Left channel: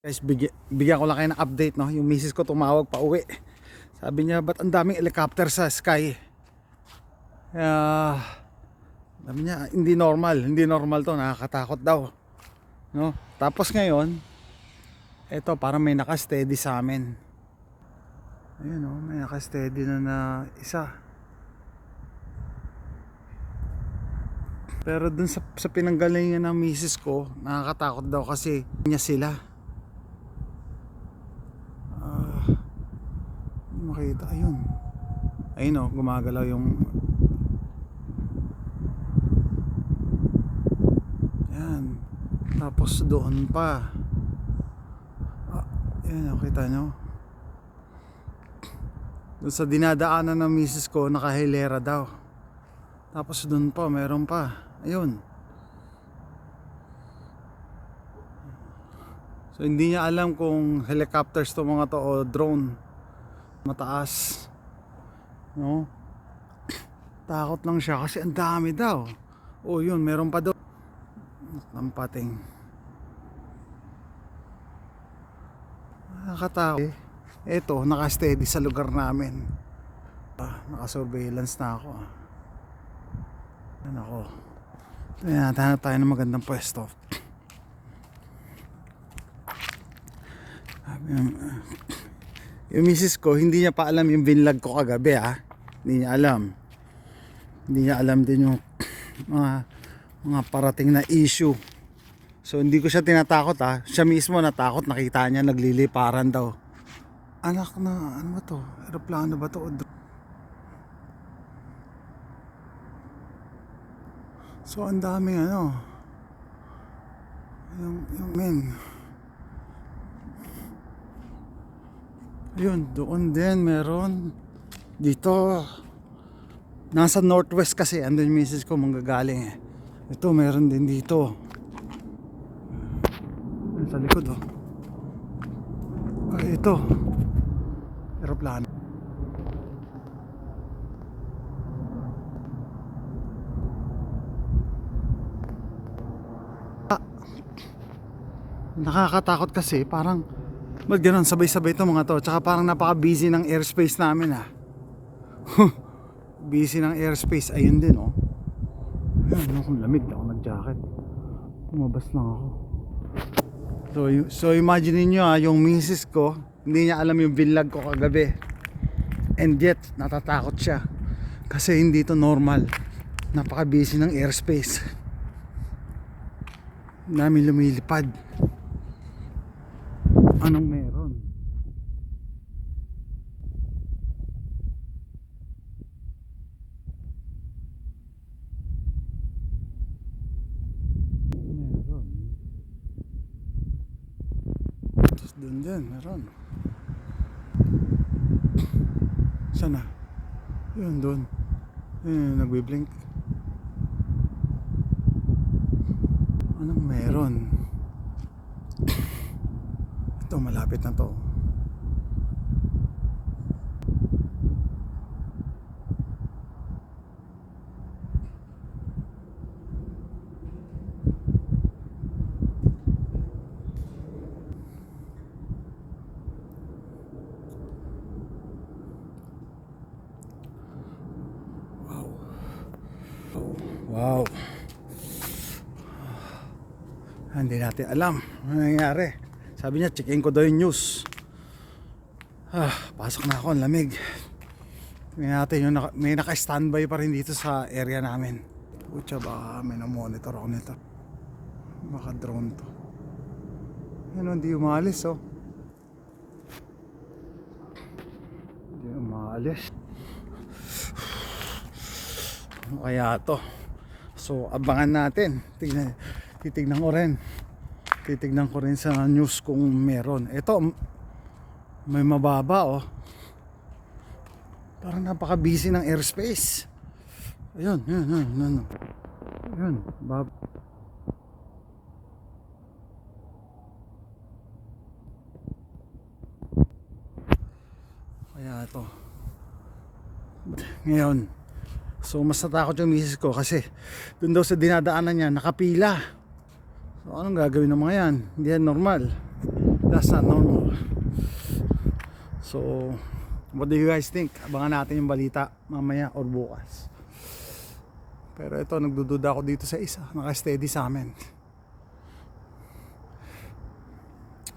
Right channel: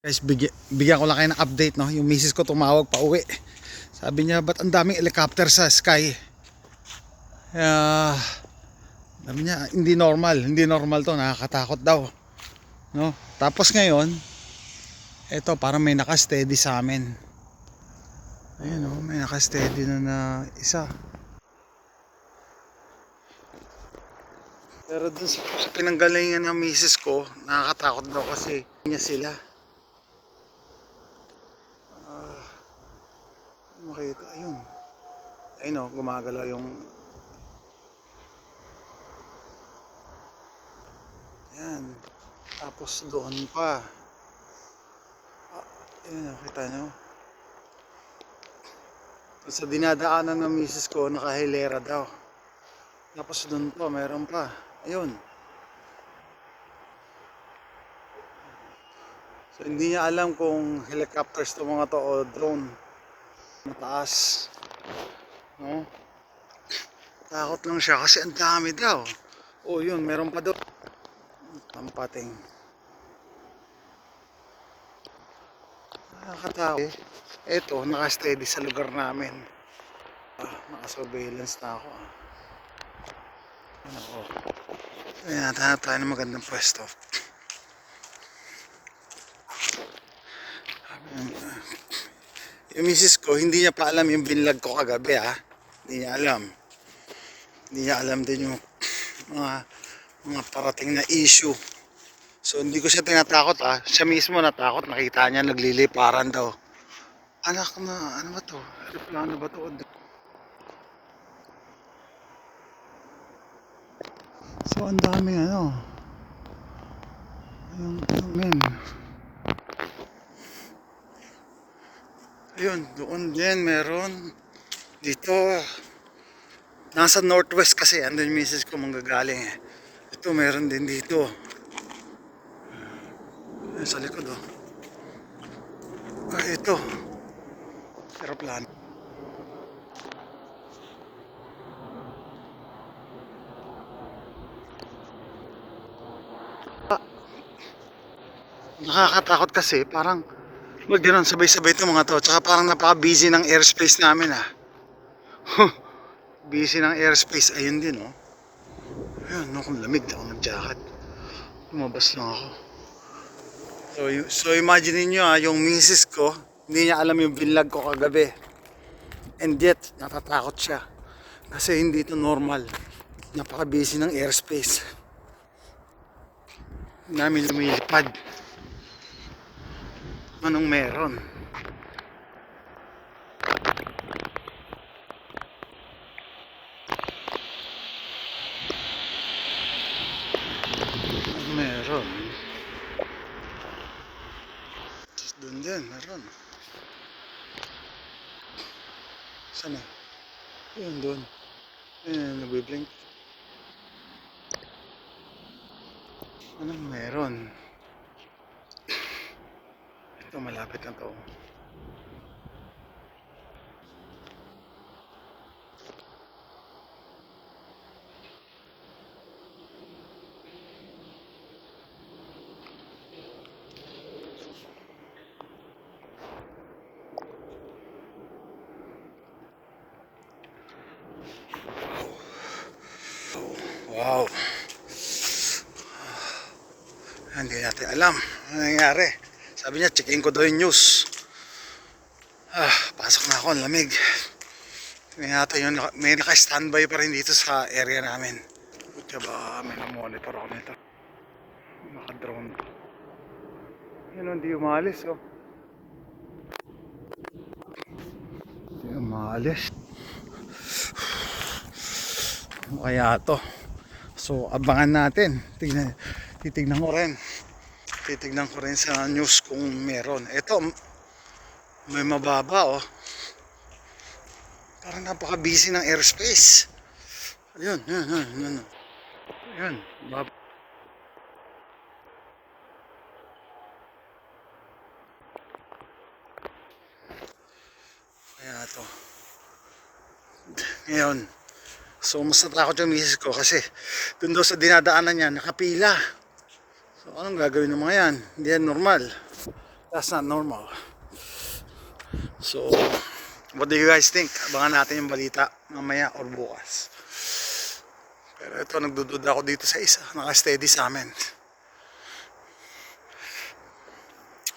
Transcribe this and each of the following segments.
Guys, bigyan ko lang kayo ng update, no? Yung misis ko tumawag pa uwi. Sabi niya, ba't ang daming helicopter sa sky? Sabi niya, hindi normal to, nakakatakot daw, no? Tapos ngayon, eto parang may naka-steady sa amin. Ayun, no? May naka-steady na isa. Pero dun sa pinanggalingan ng misis ko, nakakatakot daw kasi niya sila. Makita, ayun o, gumagalaw yung yan, tapos doon pa yan o, kita nyo doon sa dinadaanan ng misis ko, nakahilera daw, tapos doon pa, meron pa, ayun. So hindi niya alam kung helicopters to mga to o drone mataas, no? Takot lang siya kasi ang dami daw. Oh, yun, meron pa doon. Tampating. Nakakatakot. Eto, naka-steady sa lugar namin. Naka-surveillance na ako. Yan ako. Ayan, hanap tayo ng magandang pwesto. Yung misis ko, hindi niya pa alam yung vinlog ko kagabi, ha. Hindi niya alam. Hindi niya alam din yung mga parating na issue. So hindi ko siya tinatakot, ha. Siya mismo natakot, nakita niya nagliliparan daw. Anak na, ano ba to? Aeroplano ba to? So ang daming yung men. Ayun, doon din meron. Dito nasa northwest kasi, andun yung misis ko manggagaling eh. Ito meron din dito. Ayun, sa likod ito aeroplano. Nakakatakot kasi parang magdiran sabay-sabay itong mga to. Tsaka parang napaka-busy ng airspace namin, ha. Busy ng airspace. Ayun din, oh. Ayun, no, kung lamig na ako nag-jacket. Lumabas lang ako. So imagine niyo, yung misis ko, hindi niya alam yung vlog ko kagabi. And yet, natatakot siya. Kasi hindi to normal. Napaka-busy ng airspace. Namin lumilipad. Anong meron? Meron. Tapos doon din, meron. Sana? Yun, doon. Yun, nagbiblink. Anong meron? Ito, malapit na to. Wow. Hindi natin alam ano nangyari. Sabi niya, checkin ko daw yung news. Pasok na ako, ang lamig. Tingnan natin, may naka-standby pa rin dito sa area namin. Butya ba, may na-monitor ako nito. Naka-drone to. Yan, hindi umalis, oh. Hindi umalis. Ano kaya to? So, abangan natin. Titignan ko rin sa news kung meron. Ito, may mababa, oh. Parang napaka-busy ng airspace. Ayun. Ayun, baba. Kaya to. Ngayon, so mas natakot yung misis ko kasi dun daw sa dinadaanan niya nakapila. So anong gagawin ng mga yan? Hindi yan normal. That's not normal. So, what do you guys think? Abangan natin yung balita mamaya or bukas. Pero ito, nagdududa ako dito sa isa. Naka-steady sa amin.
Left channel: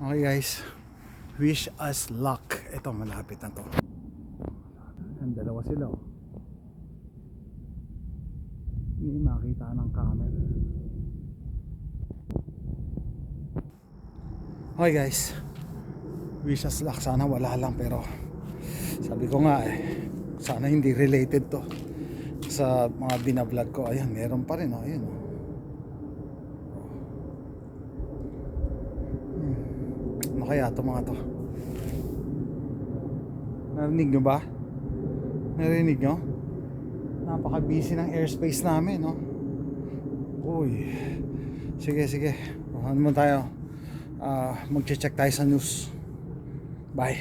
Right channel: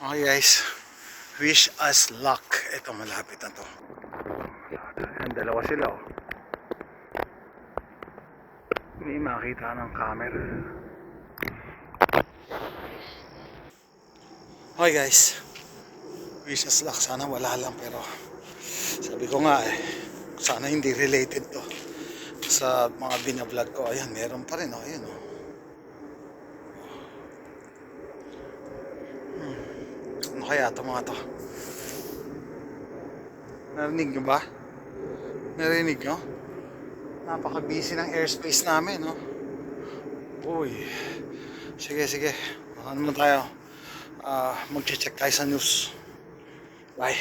Okay guys, wish us luck. Ito, malapit na to. Ang dalawa sila oh. Hindi makita ng camera. Okay guys, wish us luck. Sana wala lang, pero sabi ko nga sana hindi related to sa mga binablog ko. Ayan, meron pa rin oh. Ayan oh. Ano kaya ito mga to? Narinig nyo ba? Narinig nyo? Napaka-busy ng airspace namin, no? Uy. Sige, sige. Ano mo tayo? Mag-check tayo sa news. Bye.